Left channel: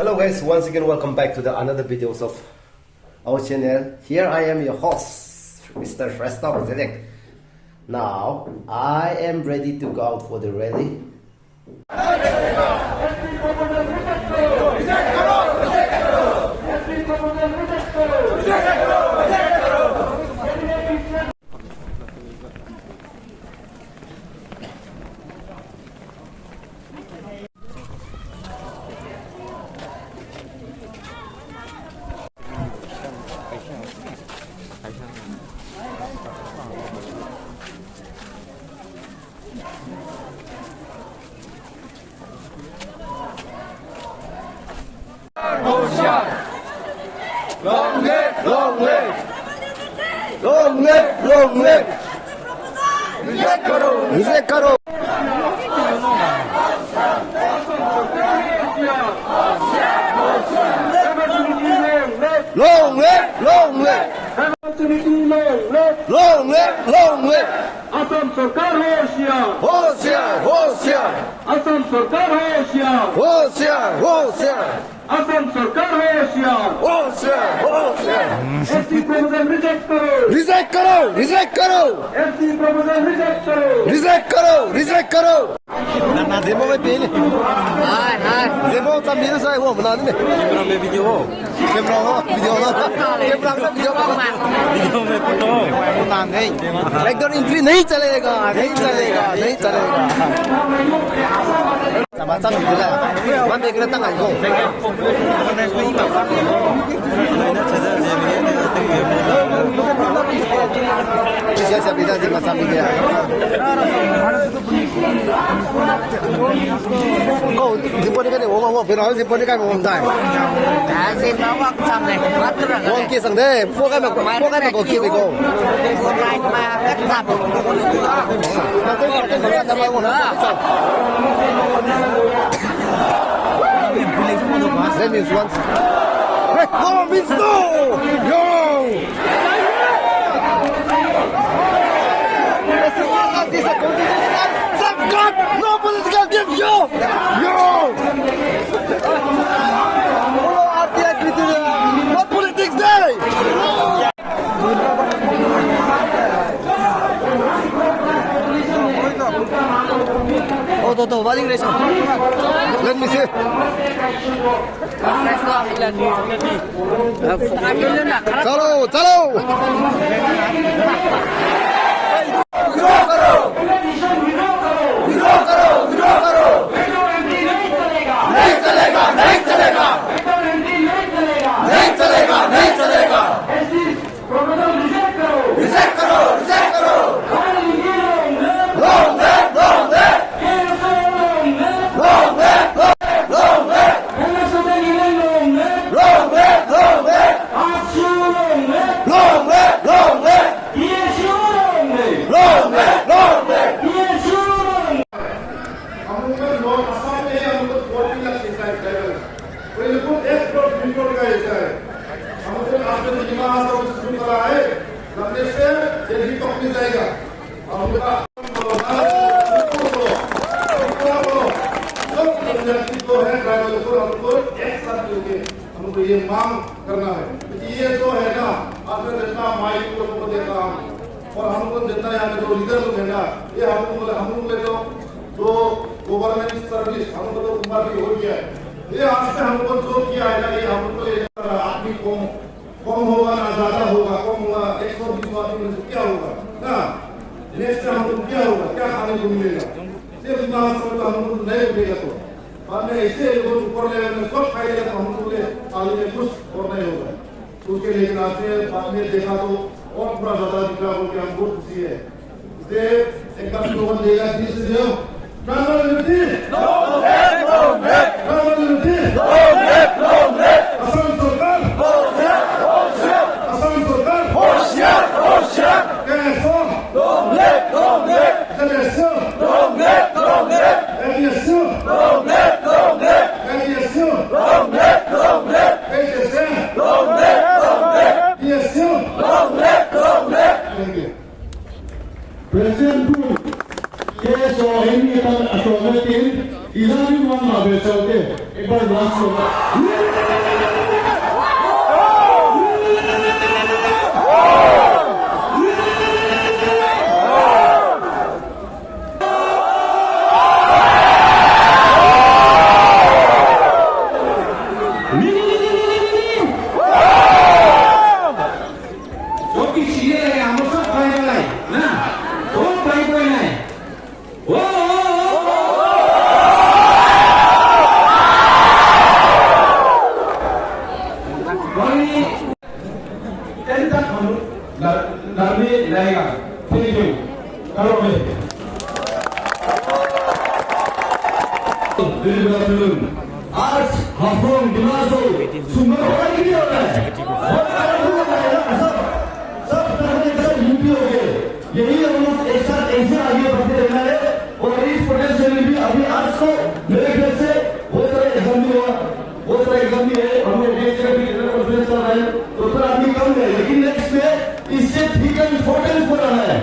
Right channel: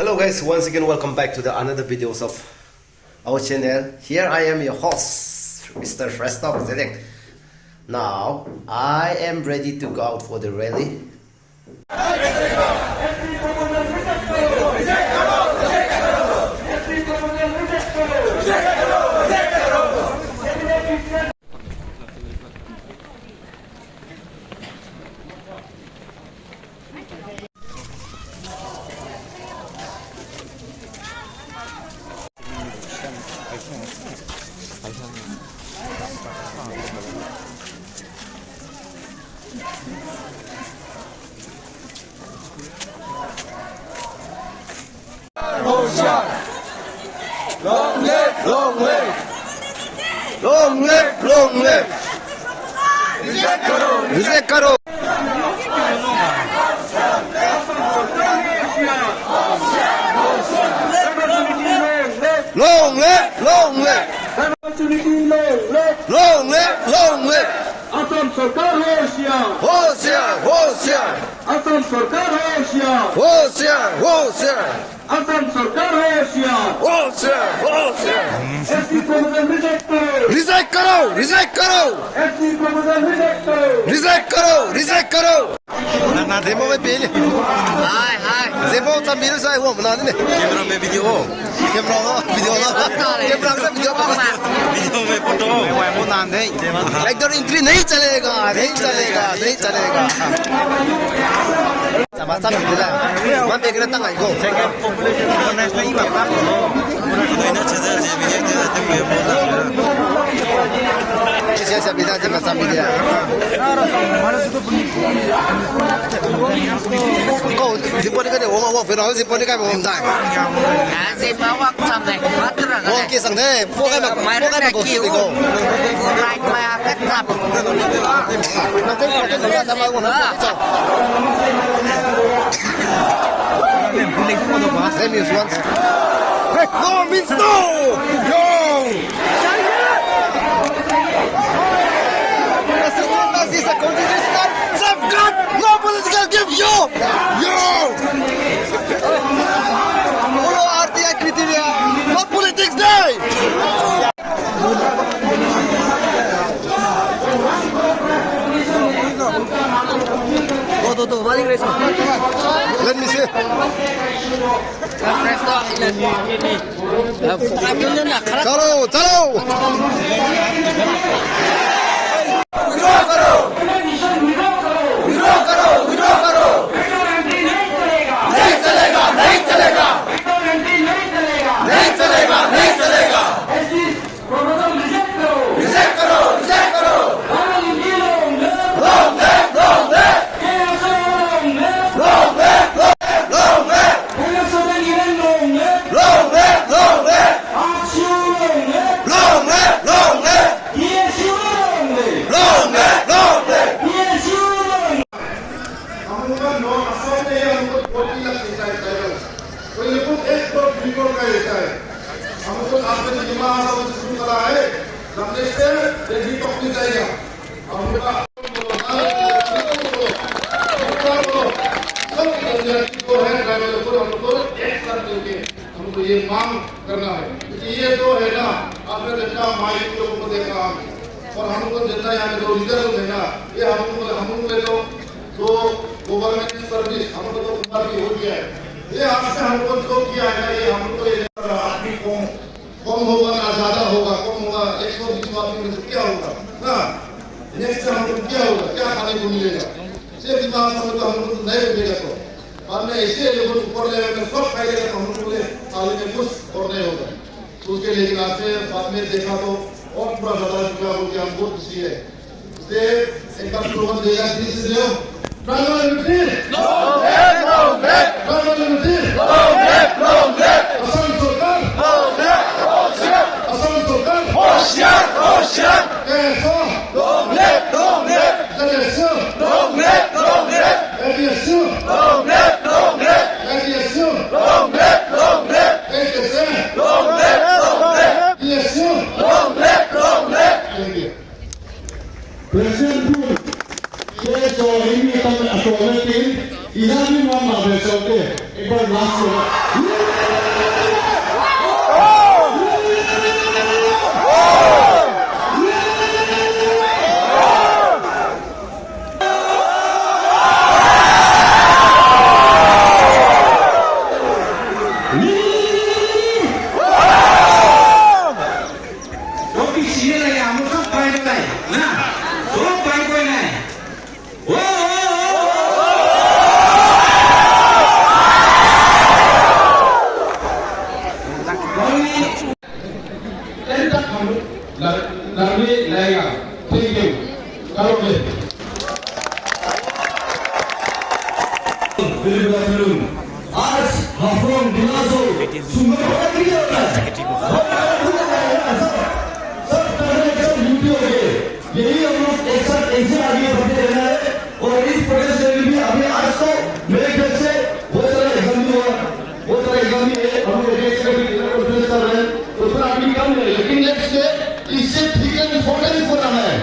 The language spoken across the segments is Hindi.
Hello guys, once again welcome back to the another videos of our channel. Here I am your host, Mr. Restop Select. Now I am ready to go out for the rally. Long live, long live, long live, long live. Reject karo, reject karo. Long live, long live, long live, long live. Assam सरकार होशियार होशियार होशियार असम सरकार होशियार होशियार होशियार असम सरकार होशियार होशियार होशियार ऐसी प्रबंधन रिजेक्ट करो रिजेक्ट करो ऐसी प्रबंधन रिजेक्ट करो रिजेक्ट करो ना जेबो में पेले हाय हाय जेबो सब मेरे से वो बना दे कैमरा में वीडियो कैमरा में वीडियो में फोटो वो ना नहीं बैकडोर एंट्री नहीं चलेगा नहीं चलेगा नहीं चलेगा sama-sama bila man be kena tangan go siapa bila sama-sama dia kau siapa ni kan orang berau siapa ni kan orang dah siapa awak sampai matra kan orang kisah deh bukan kau kiu That means once. No means no! Yo! This is a constitutional safeguard! No political give yo! Yo! Follow RTI criteria! No politics day! Let me see. चलो चलो विरोध करो विरोध करो विरोध करो नहीं चलेगा नहीं चलेगा नहीं चलेगा नहीं चलेगा रिजेक्ट करो रिजेक्ट करो long live long live long live long live long live long live long live long live long live long live हम लोग नॉर्थ असम में हमको 40 लाख सिंचाई ट्राइबल कोई लोग 1 करोड़ 2 करोड़ का हिस्सा है हमको आपने जिमा हासाओ शुरू करा है हमने से तेजी पकड़ी जाएगा हमका जो है ट्राइबल को हमको एक साथ मिलके हमको ये मांग करना है ये जो है ना आपने जितना माइक लोगों को देखा और हमको जितना यहाँ में जो लीडर लोग है ना ये हम लोग तो गवर्नमेंट सर्विस हमको तो ऊपर भी हो गया है ये आज से हमको जो किया है ना ये हमको आदमी कम होगा ना ज्यादा होगा कम होगा 120 आदमी में से क्या होगा ना नेक्स्ट हमको क्या होगा क्या खाने को मिलेगा सिर्फ दिमाग में तो हमको तो नहीं मिलेगा तो बाद में ऐसे लोगों ऊपर लेवल में सब खाएगा तो हमको थाली में कुछ और नहीं होगा तो उसके लेकिन आपने बाद में देखा तो और पूरा ज्यादा निकला बोल के हम बहुत खुशी है इसलिए एक बार स्लोगन देगा दिल से दो tribal unity tribal unity Assam सरकार असम सरकार होशियार होशियार कैसा long live long live कैसा long live long live कैसा long live long live कैसा long live long live कैसा long live long live कैसा long live long live Thank you. President Bull, so ini akan atau mungkin Iran ini mana betul ke? Ibu 여기 시절에 아무 속 바이거네. 야, 속 바이거네. Tentang kamu lari layang, tinggi, kalau ni. आज हाफलोंग डिमा हासाओ सुंदर होगा कि नहीं होगा? सब तरह के यूपी हो गए। यही हम लोग एक साथ ऐसे आगे बढ़ते रहना है और इस प्रकार से भी अभी आज तो मेरे ख्याल से बहुत सारे एग्जाम भी हुआ, बहुत सारे एग्जाम भी है। हम लोग देश का भी कॉन्फ्रेंस कर रहे हैं तो थोड़ा अभी कम है, लेकिन नेक्स्ट में इससे ठीक है इम्पोर्टेंस हो रहा है।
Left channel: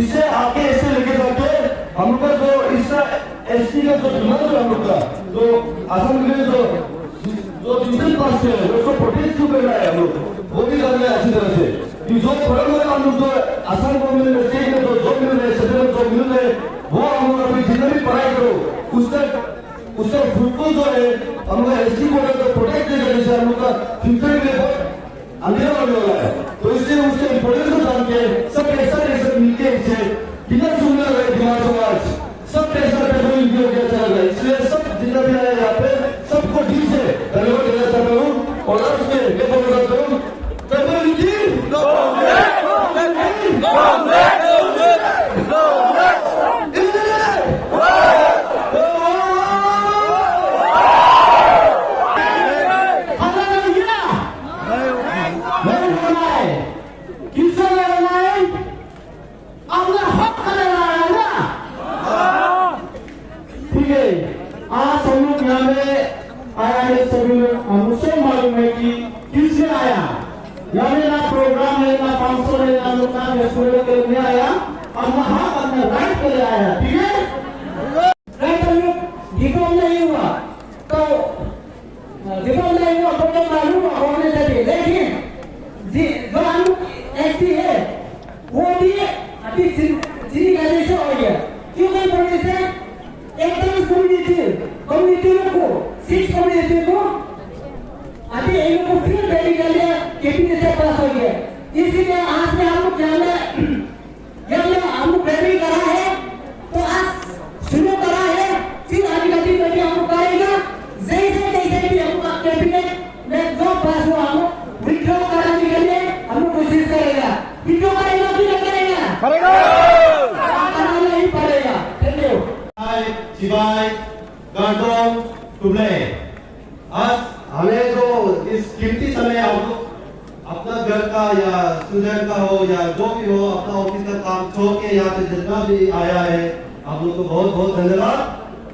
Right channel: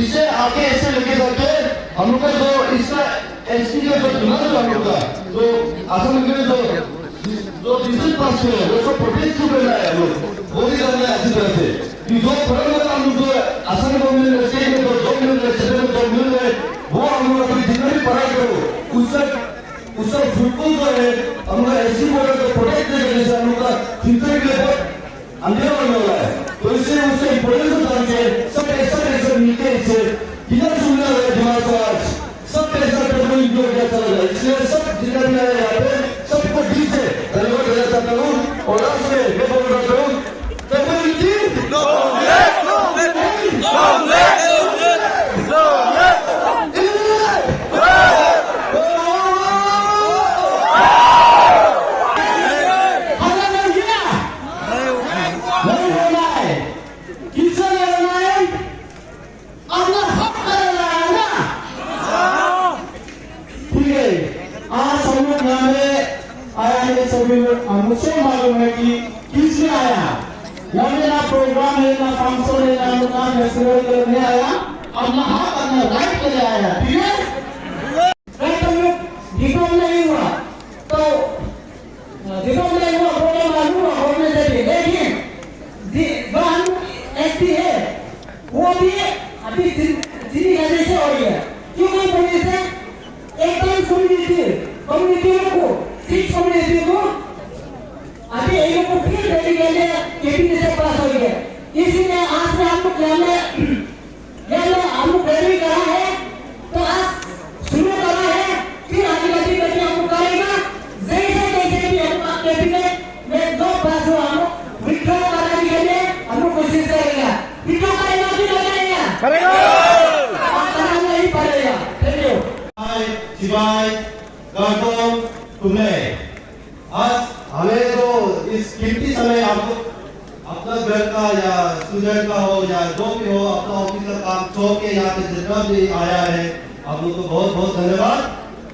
इससे आगे ऐसे लेके जाके हम लोग का जो इसका एसपी का जो दिमाग है हम लोग का जो असम में जो डिजिटल पास है वो सब प्रोटेक्ट क्यों करना है हम लोग वो भी करना है अच्छी तरह से कि जो फॉरन हम लोग जो असम गवर्नमेंट में स्टेट में जो जॉब मिल रहे हैं सेंट्रल में जॉब मिल रहे हैं वो हम लोग अपनी जितना भी पढ़ाई करो उसका फुटबॉल जो है हम लोग एससी बोर्ड को प्रोटेक्ट करने से हम लोग का फ्यूचर के लिए बहुत अंधेरा होने वाला है। तो इससे उससे इम्पोर्टेंस जान के सब ऐसा मिलके इससे किधर सुन रहे हैं दिमाग समाज सब पैसा टेबल उपयोग किया चला जाए। इसलिए सब जितना भी आए यहाँ पे सबको ठीक से धन्यवाद देना चाहता हूँ और लास्ट में मैं बोल रहा हूँ आज हम लोग यहाँ में आया है सभी लोग मुझे मालूम है कि किसने आया यहाँ में ना प्रोग्राम है ना फंक्शन है ना लोग ना फेस्टिवल के लिए आया अपना हाथ अपना राइट के लिए आया ठीक है राइट हम लोग रिकॉर्ड नहीं हुआ तो रिकॉर्ड नहीं हुआ प्रोग्राम मालूम हुआ होने चाहिए लेकिन जो हम एसपी है वो भी अभी जिंदगी कैसे हो गया क्यों नहीं बोलने से एकदम कम्युनिटी को सिक्स कम्युनिटी को अभी इन लोग को फिर रेडी कर लिया कैबिनेट से पास हो गया इसीलिए आज में हम लोग हम लोग रेडी करा है तो आज शुरू करा है फिर आदिवासी करके हम लोग करेगा जैसे जैसे भी हम कैबिनेट में जो पास हो हम लोग विड्रॉ कराने के लिए हम लोग कोशिश करेगा विड्रॉ करेगा कि नहीं करेगा कराना ही पड़ेगा। थैंक यू शिवाय गौतम तुमने आज हमें जो इस कीमती समय आपको अपना घर का या स्टूडेंट का हो या जो भी हो अपना ऑफिस का काम छोड़ के यहाँ पे जितना भी आया है आप लोग को बहुत बहुत धन्यवाद।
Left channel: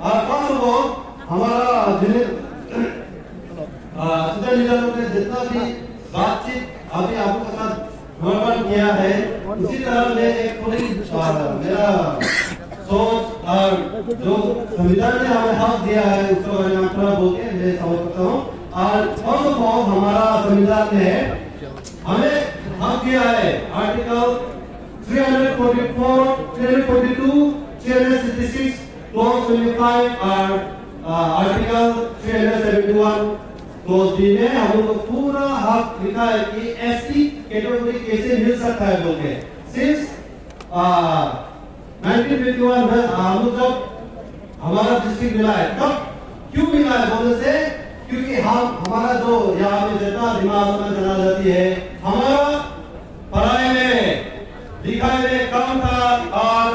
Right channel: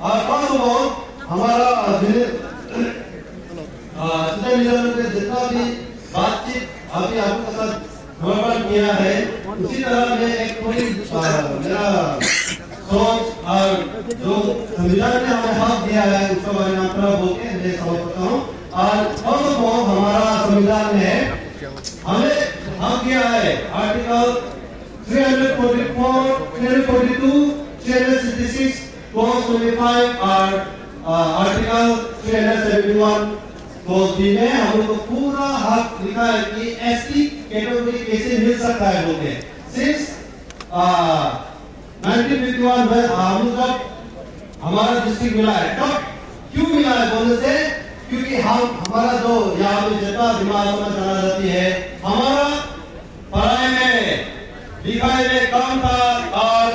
और फर्स्ट ऑफ ऑल हमारा जितना भी बातचीत अभी आपके साथ वर्णन किया है उसी तरह में एक थोड़ी मेरा सोच और जो संविधान ने हमें हक दिया है उसके बारे में थोड़ा बोल के मैं समझ सकता हूँ। और फर्स्ट ऑफ ऑल हमारा संविधान ने हमें हक दिया है आर्टिकल 344, 342, 366, क्लॉज 25 और आर्टिकल 371 क्लॉज डी में हम लोग को पूरा हक लिखा है कि एसटी कैटेगरी कैसे मिल सकता है बोल के सिंस 1951 में हम लोग जब हमारा डिस्ट्रिक्ट मिला है तब क्यों मिला है बोलने से क्योंकि हमारा जो यहाँ पे जितना दिमाग में चला जाती है हमारा पढ़ाई में लिखाई में कम था और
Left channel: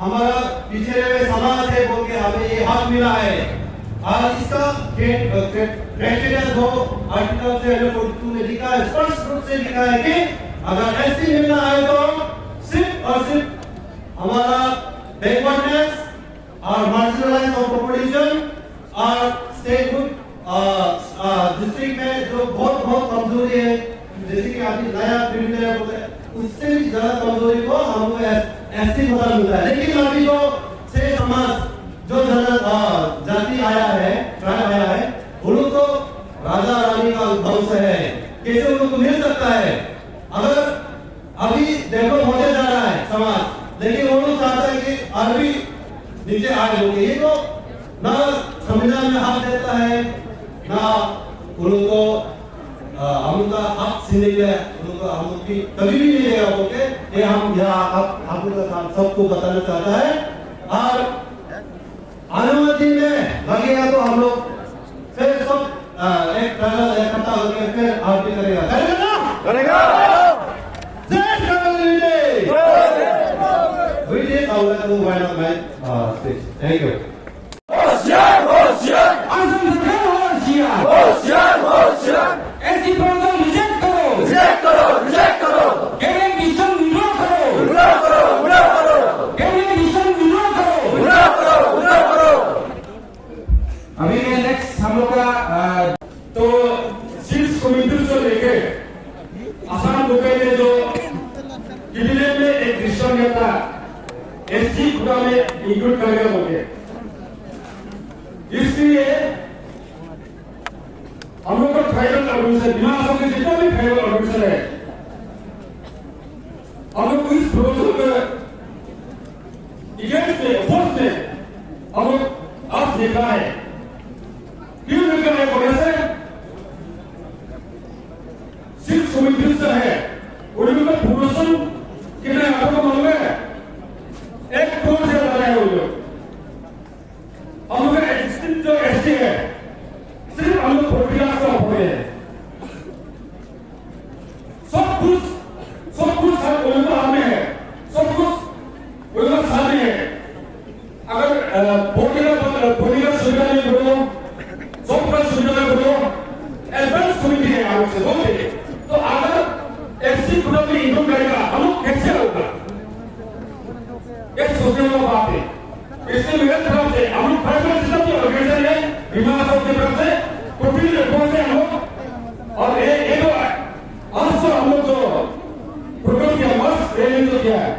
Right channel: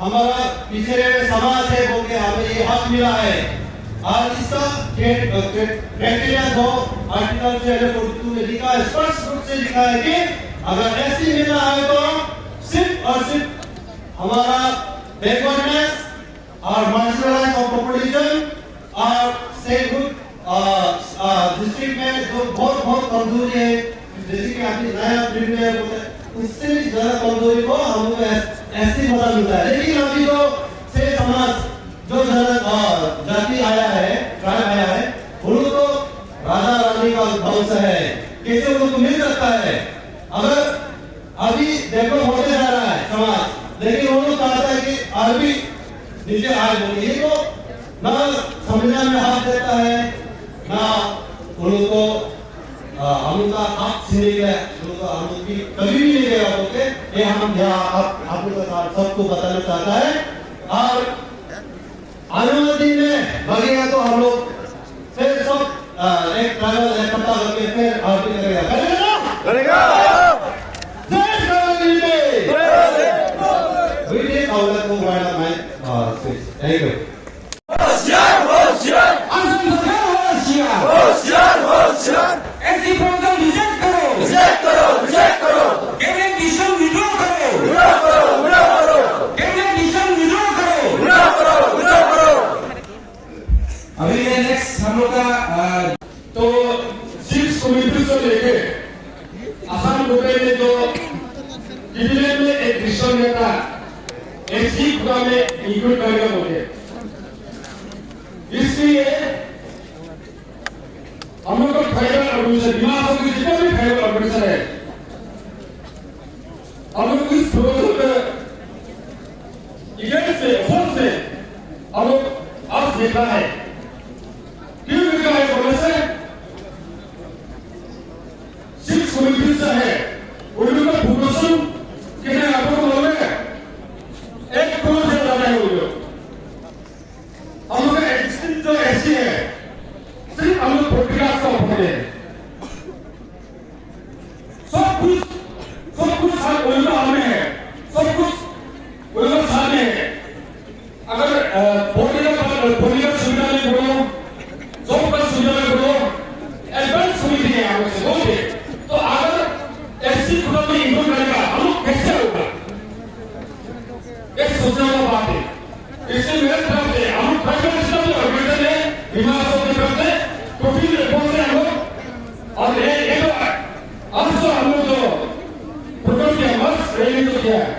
हमारा पिछड़े हुए समाज है बोल के हमें ये हक मिला है। और इसका क्राइटेरिया जो आर्टिकल 342 में लिखा है स्पष्ट रूप से लिखा है कि अगर एसटी मिलना है तो सिर्फ और सिर्फ हमारा बैकवर्डनेस और मार्जिनलाइज ऑफ पॉपुलेशन और स्टेटहुड डिस्ट्रिक्ट में जो बहुत कमजोरी है जैसे कि अभी नया फील्ड में उससे भी ज्यादा कमजोरी को हमको ऐसे पता मिलता है। लेकिन अभी जो से समाज जो जाति आया है ट्राइब आया है वो लोग राजा रानी का वंश है, कैसे उनको मिल सकता है? अगर अभी डेवलप होते जा रहा है समाज, लेकिन वो लोग चाहता है कि आज भी नीचे आ जाओगे, ये तो ना संविधान में हाथ देता है, ना उनको हम उनका हक छीनने के उनको हम लोग की कभी भी नहीं देगा बोलते, ये हम यहाँ आप उनका सबको बताना चाहता है। और आने वाले दिन में लगेगा तो हम लोग फिर सब एक ट्रैवल इकट्ठा करके फिर आरती करेगा, करेगा ना? जय Shri Ram. We did our let go right up my speech. Thank you. Assam सरकार होशियार, होशियार, होशियार। ऐसी प्रॉब्लम रिजेक्ट करो, रिजेक्ट करो, रिजेक्ट करो। कैबिनेट डिसीजन विड्रॉ करो, विड्रॉ करो, विड्रॉ करो। कैबिनेट डिसीजन विड्रॉ करो, विड्रॉ करो, विड्रॉ करो। अभी ये नेक्स्ट हम लोग का तो चीफ कमिटी से लेके असम रुपए में जो कैबिनेट में एक डिसीजन लेता एससी खुदा में इंक्लूड करेगा बोले, इसलिए हम लोग का ट्राइबल ऑर्गेनाइजेशन दिमा हसाओ के जितने भी ट्राइबल ऑर्गेनाइजेशन है, हम लोग इस प्रोजेक्ट में इगेंस्ट में फोर्स में हम लोग आज देखा है, क्यों देखा है बोले से सिर्फ कमिटी से है, उनका प्रोपोर्शन कितने आपको मालूम है? 1 करोड़ से ज्यादा है वो लोग। हम लोग का एग्जिस्टिंग जो एससी है सिर्फ हम लोग पॉलिटिक्स का पकड़े हैं, सब कुछ हर उनका हाथ में है, सब कुछ उनका साथ में है। अगर पॉलिटिकल सुविधा में बोलो, जॉब का सुविधा में बोलो, एडवांस कमिटी है हम लोग से बोलते, तो अगर एससी खुदा में इंक्लूड करेगा हम लोग कैसे होगा? एक सोचने वाला बात है। इसलिए मेरे तरफ से हम लोग ट्राइबल सिस्टम के ऑर्गेनाइजेशन है, दिमा हसाओ की तरफ से टोटली रिस्पॉन्स है हम लोग। और ये तो आज तो हम लोग जो प्रोग्राम किया मस्त रैली तो किया है,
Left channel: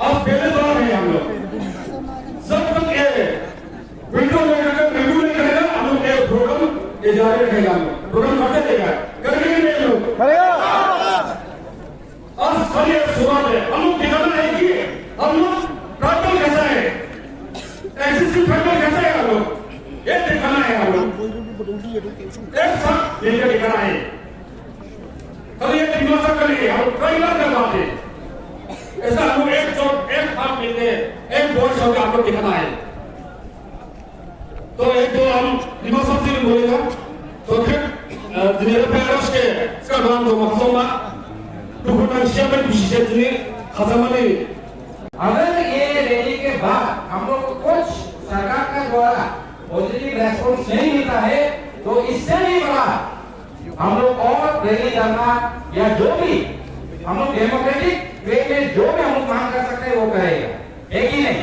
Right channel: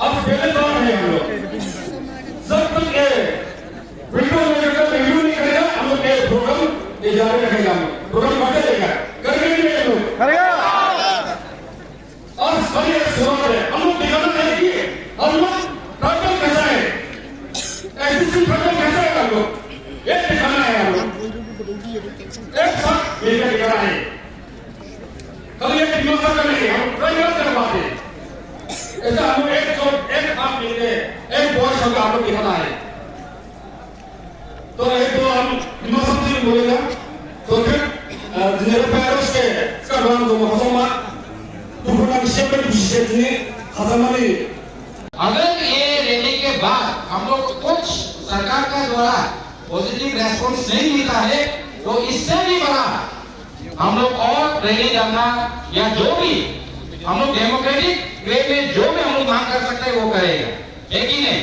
अब पहले बार है हम लोग, जब तक ये विंडो नहीं करेगा हम लोग ये प्रोग्राम ये जारी रखेगा, हम लोग प्रोग्राम बढ़ते देगा, करेंगे नहीं हम लोग, करेगा। और सभी शुरुआत है, हम लोग दिखाना है कि हम लोग ट्राइबल कैसा है, एग्जिस्टिंग ट्राइबल कैसा है, हम लोग ये दिखाना है, हम लोग एक साथ मिलकर दिखाना है। कल ये दिमाग का नहीं, हम ट्राइबल कर बात है, ऐसा हम लोग एक साथ मिलकर एक वॉइस होकर हम लोग दिखाना है। तो एक दो हम दिमाग से बोलेगा, तो फिर जिन्हें पैरों के sekarang rumah Haflong तो बुरा निश्चय में विशेष ने खजाना अगर ये रैली के बाद हम लोग को कुछ सरकार का द्वारा पॉजिटिव रेस्पॉन्स नहीं मिलता है, तो इससे भी बड़ा हम लोग और रैली करना या जो भी हम लोग डेमोक्रेटिक वे में जो भी हम लोग मांग कर सकते हैं वो करेगा, है कि नहीं?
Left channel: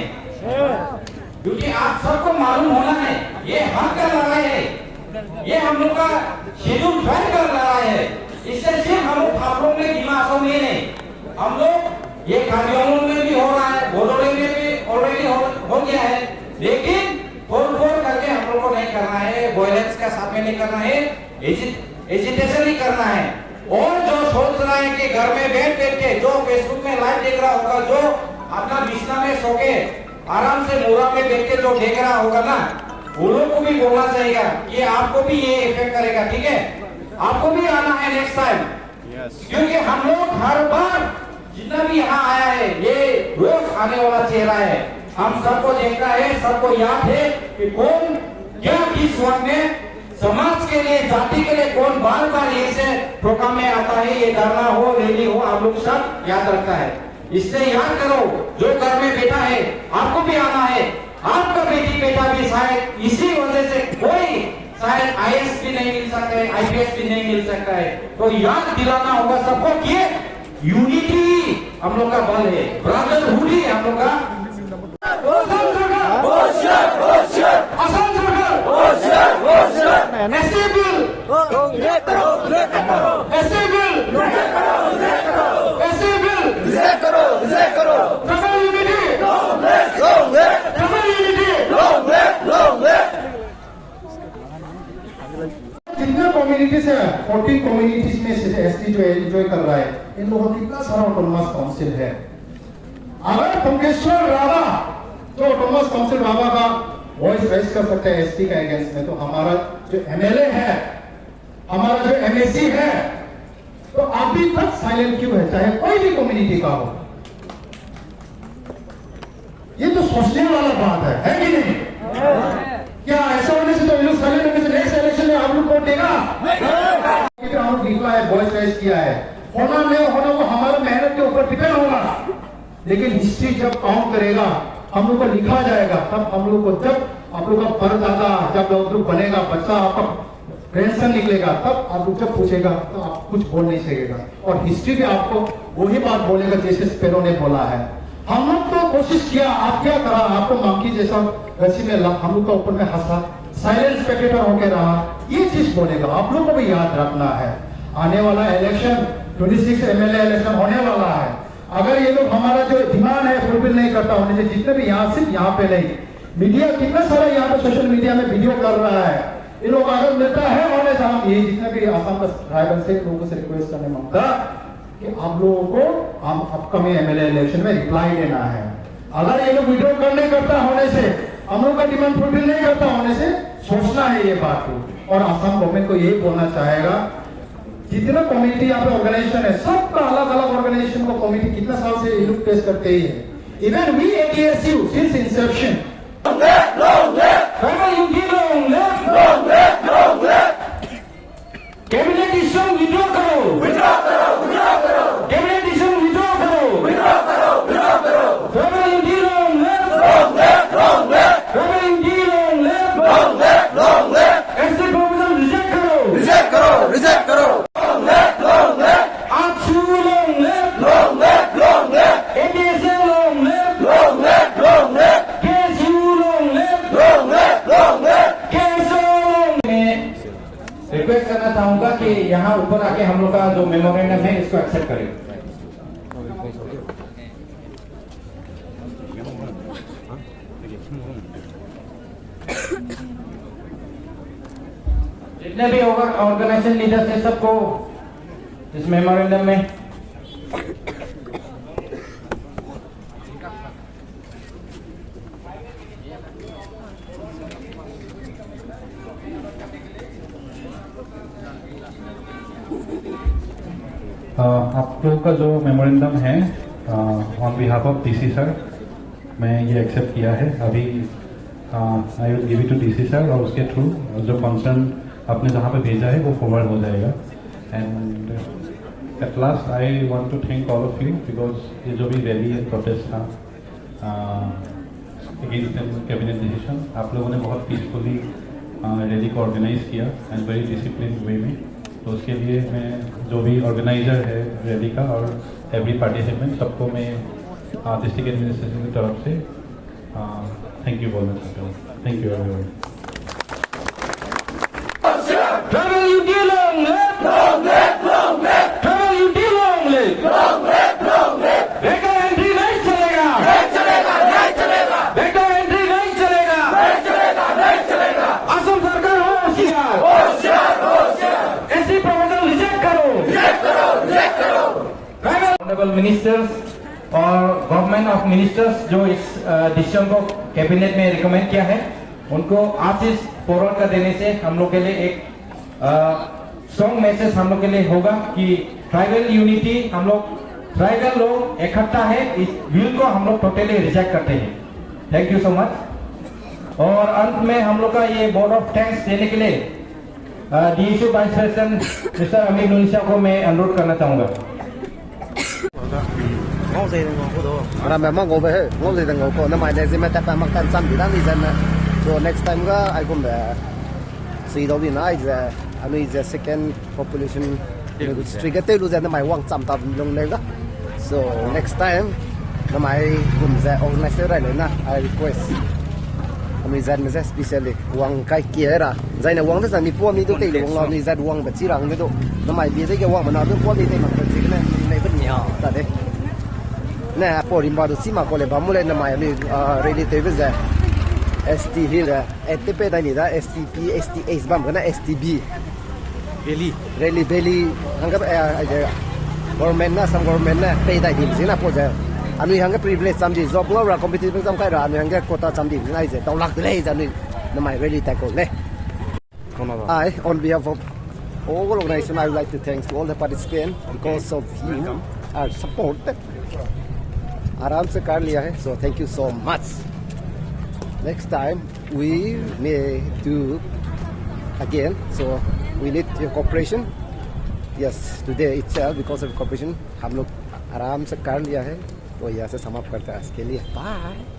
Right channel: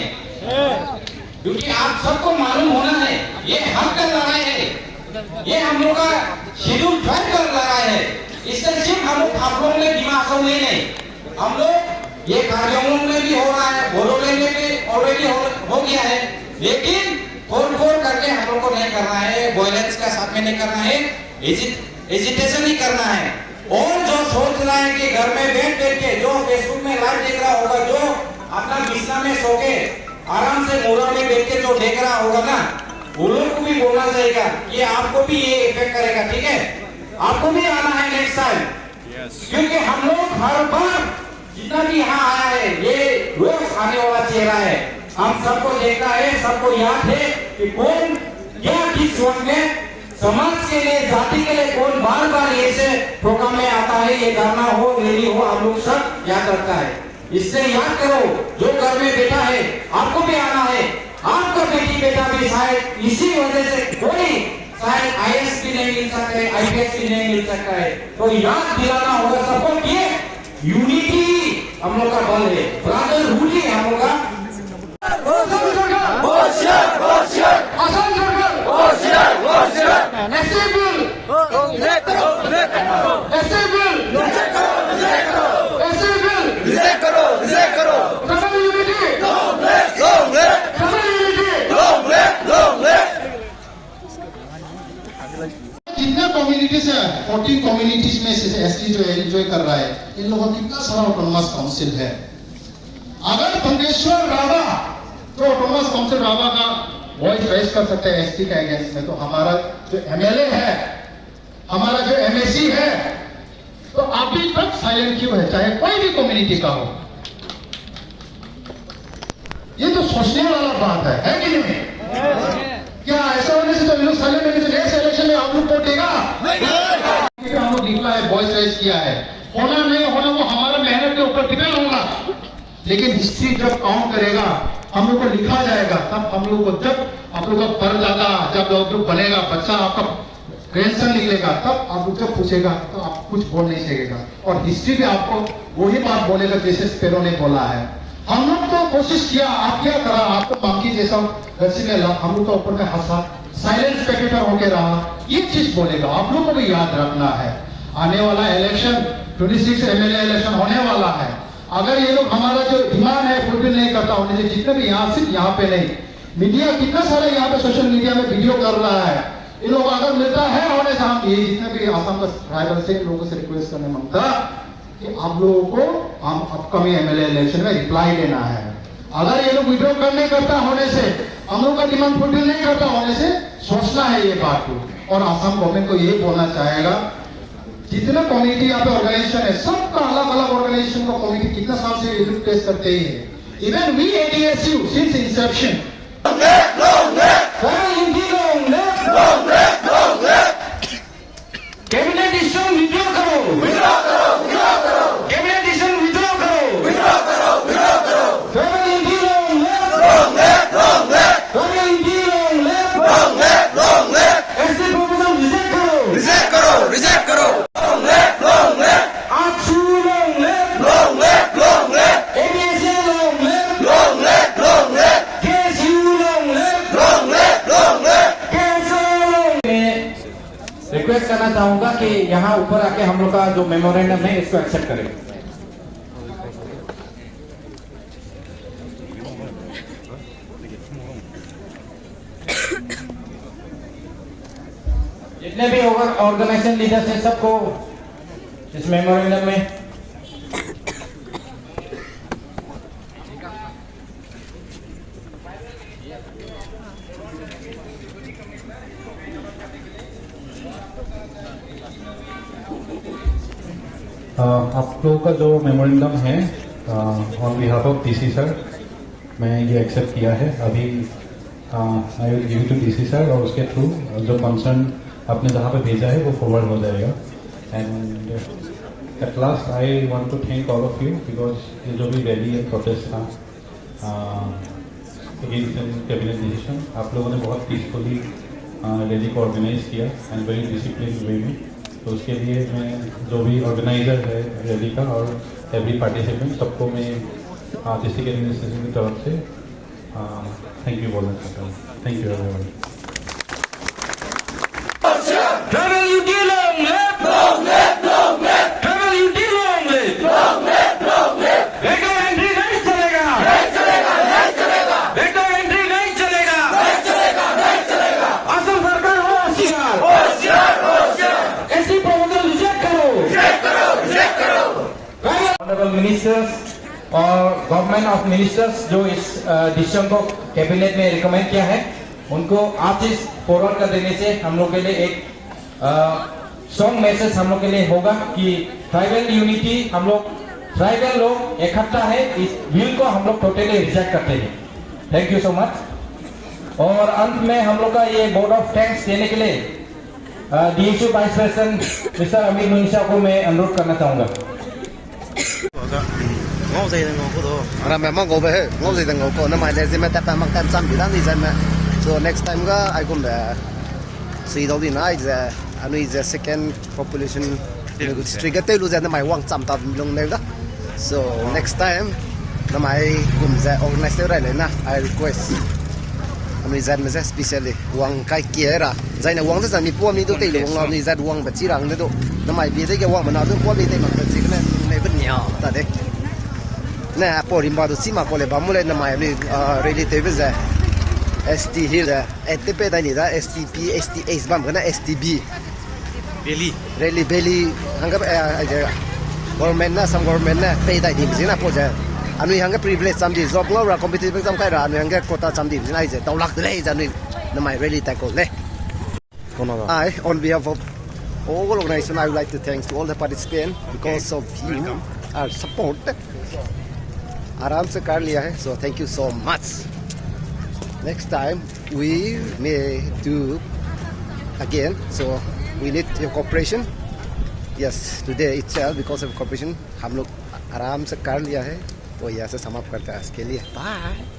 क्योंकि आप सबको मालूम होना है ये हक का लड़ाई है, ये हम लोग का शेड्यूल 12 का लड़ाई है। इससे सिर्फ हम लोग हाफलोंग में दिमा हसाओ में नहीं, हम लोग ये कार्यों में भी हो रहा है, बोलोले में भी ऑलरेडी हो गया है, लेकिन फोड़ करके हम लोग को नहीं करना है, वायलेंस का साथ में नहीं करना है, एजिटेशन नहीं करना है। और जो सोच रहा है कि घर में बैठ के जो फेसबुक में लाइव देख रहा होगा, जो अपना बिस्तर में सो के आराम से मोरा में बैठ के जो देख रहा होगा ना, वो लोग को भी बोलना चाहिए, ये आपको भी ये इफेक्ट करेगा, ठीक है? आपको भी आना है नेक्स्ट टाइम, क्योंकि हम लोग हर बार जितना भी यहाँ आया है ये रोज आने वाला चेहरा है, हम सबको देखता है, सबको याद है कि कौन क्या किस वक्त में समाज के लिए, जाति के लिए कौन बार बार ऐसे प्रोग्राम में आता है, ये धरना हो रैली हो, आप लोग सब याद रखता है। इससे याद करो, जो घर में बेटा है आपको भी आना है, आपका बेटी बेटा भी शायद इसी वजह से कोई शायद आईएएस भी नहीं मिल सकता है, आईपीएस भी नहीं मिल सकता है, तो याद दिलाना होगा सबको कि यूनिटी हम लोग का बल है, ब्रदरहुड ही हम लोग का। असम सरकार होशियार, होशियार, असम सरकार होशियार, होशियार, ऐसे बिल ऐसे बिल ऐसे बिल रिजेक्ट करो, रिजेक्ट करो, ट्राइबल यूनिटी ट्राइबल यूनिटी जितने जितने कम्युनिटीज है 14 कम्युनिटीज में से एसटी जो एंजॉय कर रहा है, इन लोगों का कितना सारा ऑटोनोमस काउंसिल है। अगर पंकेश्वर रावा जो ऑटोनोमस काउंसिल रावा का वॉइस रेज कर सकते हैं एसटी का अगेंस्ट में, तो हमारा जो एमएलए है, हमारा जो एमएसी है, तो अभी तक साइलेंट क्यों है, चाहे कोई भी कम्युनिटी का हो। ये तो सोचने वाला बात है कि नहीं? क्या ऐसा होने से तो साइलेंट होने से नेक्स्ट इलेक्शन में आप लोग वोट देगा? हम लोग लिखा है, वॉइस रेज किया है, होना नहीं होना वो हमारा मेहनत के ऊपर डिपेंड होगा, लेकिन हिस्ट्री जब काउंट करेगा, हम लोग को लिखा जाएगा, तब हम लोग को, जब आप लोग का परदादा, जब आप लोग बनेगा, बच्चा आपका ग्रैंडसन निकलेगा, तब आप लोग जब पूछेगा तो आप कुछ बोल नहीं सकेगा, और हिस्ट्री भी आपको वही बात बोलेगा जैसे स्पेरो ने बोला है। हम लोग तो कोशिश किया, आप क्या करा, आपको मंकी जैसा रस्सी में हम लोग का ऊपर में हंसा, साइलेंट स्पेक्टेटर होके रहा, ये चीज बोलेगा, आप लोग को भी याद रखना है। आने वाला इलेक्शन 26 एमएलए इलेक्शन होने वाला है, अगर ये लोग हमारा जो डिमांड है फुलफिल नहीं करता होने से, जितने भी यहाँ, सिर्फ यहाँ पे नहीं, मीडिया कितना सारा यहाँ पे सोशल मीडिया में वीडियो कर रहा है, ये लोग अगर मिलता है होने से, हम ये जितने भी आसाम का ट्राइबल से लोगों से रिक्वेस्ट करने मांगता कि आप लोगों को हम अपकमिंग एमएलए इलेक्शन में रिप्लाई देना है। अगर ये लोग विड्रॉ करने करता होने से, हम लोग का डिमांड फुलफिल नहीं करता होने से, सोचना है ये बात को, और आसाम गवर्नमेंट को यही बोलना चाहेगा, जितने कम्युनिटी यहाँ पे ऑर्गेनाइजेशन है, सबका अलग अलग ऑर्गेनाइजेशन का कम्युनिटी कितना साल से ये लोग टेस्ट करते ही है। Even we ATSU since inception cabinet decision withdraw करो, कैबिनेट डिसीजन विड्रॉ करो, federal MP wrong left, ST proposal reject करो, रिक्वेस्ट करना चाहूंगा कि यहाँ ऊपर आके हम लोग का जो मेमोरेंडम है इसको एक्सेप्ट करें। जितने भी ऑर्गेनाइजेशन लीडर्स हैं सबको इस मेमोरेंडम में आप लोगों का जो मेमोरेंडम है on behalf of DC sir, मैं ये एक्सेप्ट किया है। अभी I will give it to DC sir, और उसके थ्रू जो कंसर्न आपने जहाँ पे भेजा है वो फॉरवर्ड हो जाएगा। And at last I want to thank all of you, because ये जो भी रैली है, प्रोटेस्ट था अगेंस्ट कैबिनेट डिसीजन, आप लोगों ने बहुत पीसफुली रैली को ऑर्गेनाइज किया एंड वेरी डिसिप्लिन वे में। तो उसके लिए मैं जो भी ऑर्गेनाइजर है रैली का और एवरी पार्टिसिपेंट, सबको मैं डिस्ट्रिक्ट एडमिनिस्ट्रेशन की तरफ से थैंक यू बोलना चाहता हूँ। Thank you everyone. Honourable ministers और गवर्नमेंट ऑफ मिनिस्टर्स जो इस डिसीजन को कैबिनेट में रिकमेंड किया है, उनको आप इस फॉरवर्ड कर देने से हम लोग के लिए एक स्ट्रॉन्ग मैसेज हम लोग के लिए होगा कि ट्राइबल यूनिटी, हम लोग ट्राइबल लोग इकट्ठा है, इस बिल को हम लोग टोटली रिजेक्ट करते हैं। Thank you so much. और अंत में हम लोग का ये बोर्ड ऑफ थैंक्स देने के लिए डीएसयू वाइस प्रेसिडेंट मिस्टर अमीर नुनिशा को मैं अनुरोध करना चाहूंगा। ngô gì ngô cô đồ làm mẹ mong ngô về ngô gì ngô cô nó mày này gì mẹ tập mang tan trăm gì đó gì mẹ so next time ga I come back see đâu đi nói giờ anh ấy giờ second population district cái tên luôn giờ nó mày quăng trăm tập luôn này đó so next time nó mày cùng giờ organize ra lại na I request anh ấy giờ mình sẽ specially quăng cái kia ra giờ này quăng thế giờ mình mua mình đâu tây luôn quăng mình giờ quăng bật chỉ rằng đấy đâu nó mày biết cái quăng mà nó đừng mua mình tây mà bật chỉ cái này vẫn nhỏ ta đấy nè porim baru sima kole bamule na mai li relative za ST hill STP da ni da STP STX bam kana STB rally belly hangap government na some government na pay dai dim sina po ja anu hangap privilege sam di job lo ra competitive exam kai ra anu hangap quota sam dim sina je tolak le ja nu na my rally tackle le I on behalf of all organization I would like to thank to all the participants because of you are support आराम से कर लिया है so thank you so much next time we may do again so we need your cooperation yes today itself because of cooperation हम लोग आराम से कर लिया है तो यहाँ से समाप्त करते हैं इसके लिए बाय